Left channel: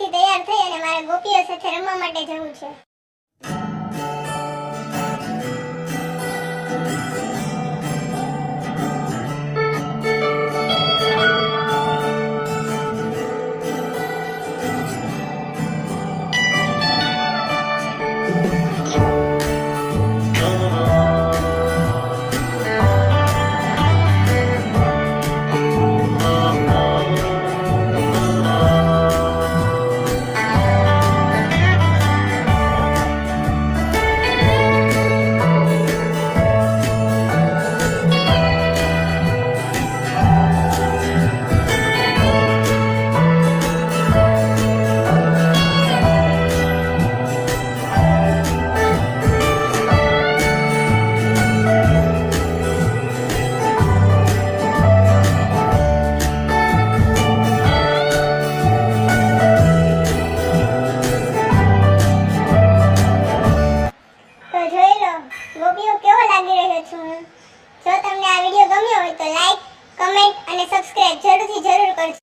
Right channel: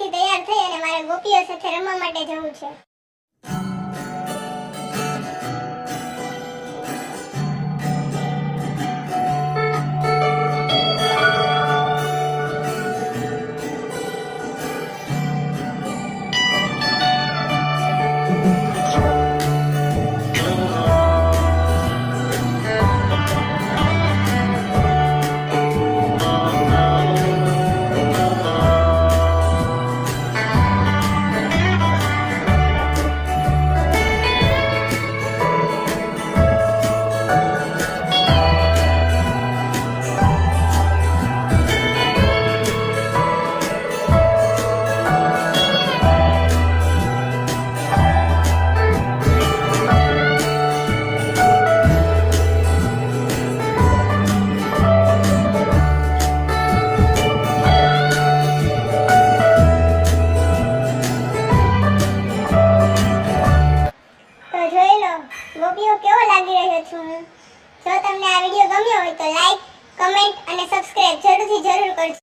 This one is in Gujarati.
અહીંથી તૈયાર થઈ અને મારે ગોપીઓ સાથે રમવા માટે જવું છે. ગોપીઓ કેવો લાગી રહ્યો છું હું. જો તમને આ વિડિયો ગમ્યો હોય તો લાઈક, કમેન્ટ અને સબસ્ક્રાઇબ જરૂર કરજો.